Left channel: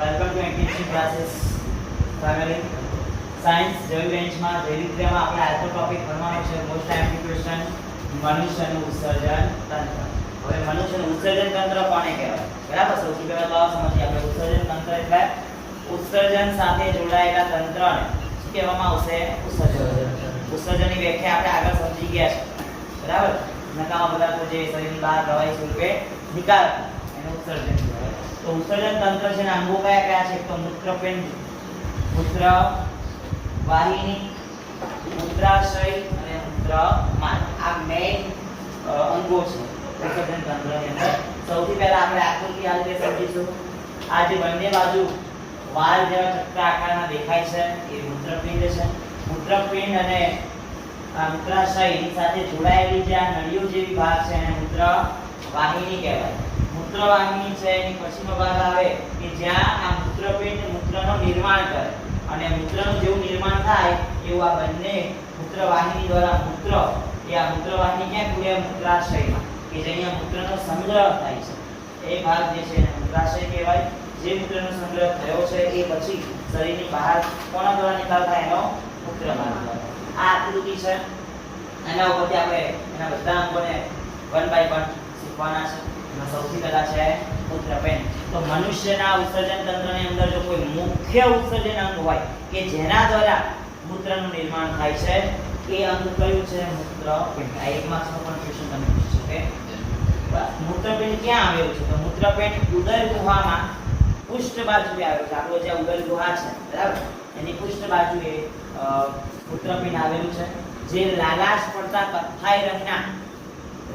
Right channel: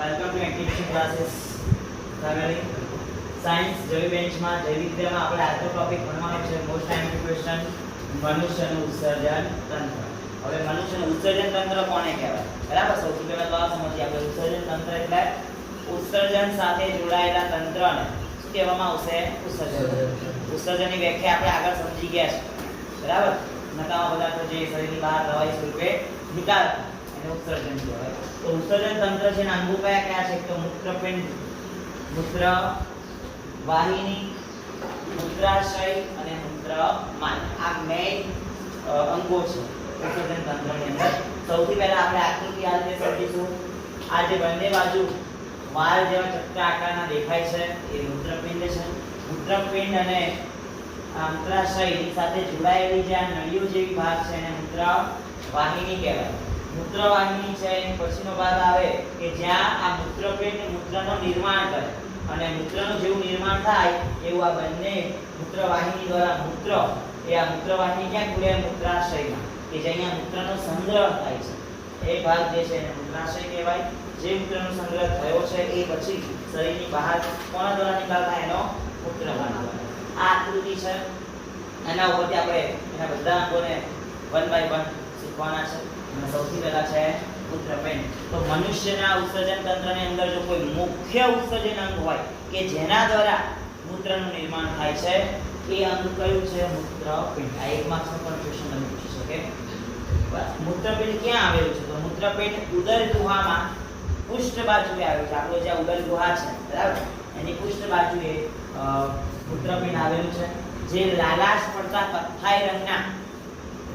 Welcome to NTC classes family. Science જૈવિક બેન્ચમાં જૈવિક ક્રિયામાં આપણે આજનો ટોપિક ભણવાનો છે મોસ્ટ ટાઈમની ક્વેશ્ચન મનુષ્યનું ઉત્સર્જન તંત્ર. હવે મનુષ્યનું ઉત્સર્જન તંત્ર કોને કહેવાય? બરાબર, સૌથી પહેલા તો આ સમજીએ આપણે. ઉત્સર્જન તંત્ર એટલે ઉત્સર્જન સાથે જોડાયેલા તંત્રને શું કહેવામાં આવશે? ઉત્સર્જન. ઉત્સર્જનની વ્યાખ્યા આપણે આગળ સમજી ગયા છે. બરાબર, નકામા પદાર્થો જે શરીરની બહાર પ્રવાહી સ્વરૂપે નિકાલ એને ઉત્સર્જન કહેવાય. તો ઉત્સર્જન તંત્ર છે ને અંગો કયા કયા છે? તો મૂત્રપિંડ, મૂત્ર વાહિની, મૂત્રાશય અને મૂત્રમાર્ગ. આ મેઇન અંગો છે ઉત્સર્જન તંત્રની અંદર. સૌથી પહેલા આપણે આકૃતિ આ રીતે સમજીશું. આ જે બંને બાજુ વાલ જેવા ચક્ર આકારના દેખાય છે એ મૂત્રપિંડ છે. મૂત્રપિંડ અને મૂત્રાશય સાથે જોડાયેલી જે આ નળીઓ જેવી ભાગ છે એને મૂત્ર વાહિની કહેવાય. મૂત્ર વાહિની છે એની પછીનો ભાગ આવે કે જ્યાં આ મૂત્રપિંડ મૂત્રનું નિર્માણ કરે અને મૂત્રનું જેવું નિર્માણ થાય એવું આ બંને મૂત્ર વાહિની દ્વારા મૂત્ર એ આ મૂત્ર વાહિની ક્યાં ખુલે? મૂત્રાશયમાં, કે જે અહીંયા મૂત્રનો સંગ્રહ થાય છે એ ભાગ જે છે એને મૂત્રાશય કહેવાય. જે મૂત્રનો સંગ્રહ થયો છે એ પછી શરીરની બહાર કોના દ્વારા નિકાલ થાય? એનો મૂત્રમાર્ગ દ્વારા. આ આકૃતિ છે, એના ઉપરથી આપણે એના બધા અંગોને 1 by 1 શીખવાના છે. સૌથી પહેલા છે મૂત્રપિંડ. તો મનુષ્યના ઉત્સર્જન તંત્રની અંદર જો કોઈ મુખ્ય ઉત્સર્જન અંગ હોય કે જેના દ્વારા મૂત્રનું નિર્માણ થાય છે એ અંગ કયું છે? મૂત્રપિંડ. આ એક માર્ક્સનો પણ ક્વેશ્ચન તમે પૂછી શકે. મૂત્રપિંડ ક્યાં આવેલું છે? તો મૂત્રપિંડ ઉદર ગુહામાં પૃષ્ઠ બાજુએ આવેલું છે. આપણો જે ઉદર ગુહા છે બરાબર, એની પૃષ્ઠ બાજુએ મૂત્રપિંડ આવેલું છે. જે લાલાશ પડતા કથ્થાઈ રંગના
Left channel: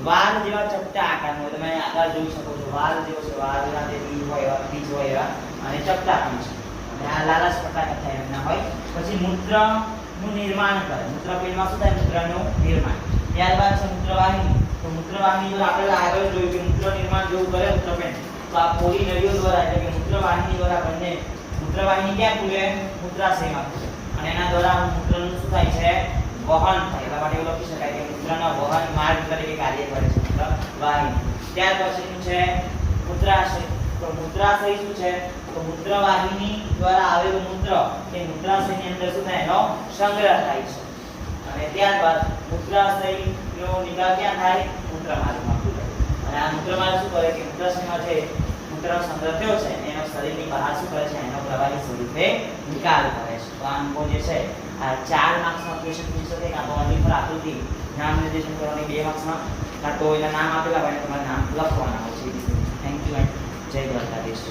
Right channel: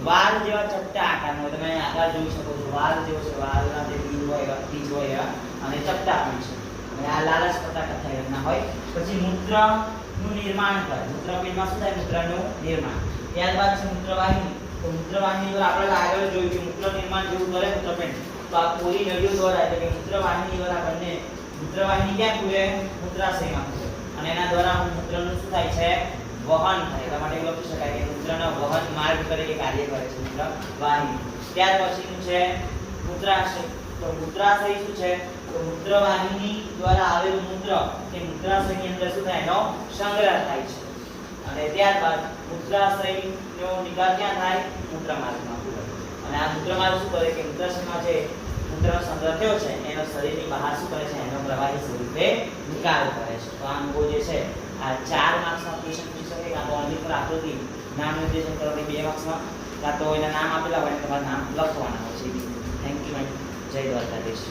વાલ જેવા ચપટા આકારનો, તમે આકાર જોઈ શકો છો. વાલ જેવો છે, વાલના જે બીજ હોય એવા બીજ હોય એવા, અને ચપટા પણ છે. અને આ લાલાશ પડતા કથ્થાઈ રંગના હોય. પછી મૂત્રનું નિર્માણ કરે. મૂત્રપિંડમાં શું થાય? મૂત્રનું નિર્માણ. ત્યારબાદ છે મૂત્રવાહિની. તો મૂત્રવાહિની દ્વારા આપણે આગળ જોયું કે મૂત્ર નિર્માણ જેવું કરે મૂત્રપિંડ, તો આ પોળી નળીઓ દ્વારા એટલે કે મૂત્રવાહિની દ્વારા બંને મૂત્રવાહિની ક્યાં ખુલે? મૂત્રાશયમાં ખુલે. અને એના દ્વારા મૂત્રનું શું થાય છે? વહન થાય. એટલા માટે એવું લખી શકાય કે મૂત્રના વહન માર્ગ તરીકે કાર્ય કરે છે મૂત્રવાહિની. ત્યાર પછીનું છે મૂત્રાશય. તો મૂત્રાશય શું છે? તો મૂત્રવાહિની દ્વારા આવેલું મૂત્ર કે મૂત્રાશયની અંદર શું થાય? એનો સંગ્રહ થાય છે. અને ત્યારબાદ મૂત્રાશયનો નિકાલ ક્યાં થાય? મૂત્રમાર્ગમાં ખુલે. અને આ મૂત્રમાર્ગ શું કરે કે મૂત્રાશયમાં જે મૂત્રનો સંગ્રહ થયો છે એનો શરીરની બહાર શું કરે છે? એનો પ્રવાહી સ્વરૂપે નિકાલ કરે છે. તો આ અંગો જે છે આ 4 માર્ક્સમાં ક્વેશ્ચન પૂછી શકે. કાં તો ઓનલી ફોર આકૃતિ નામ નિર્દેશન કરવાની 2 માર્ક્સમાં, કાં તો એના નામ આપેલા હોય તમારે નામ લખવાના હોય છે. થેન્ક યુ એન્ડ જય દ્વારકાધીશ.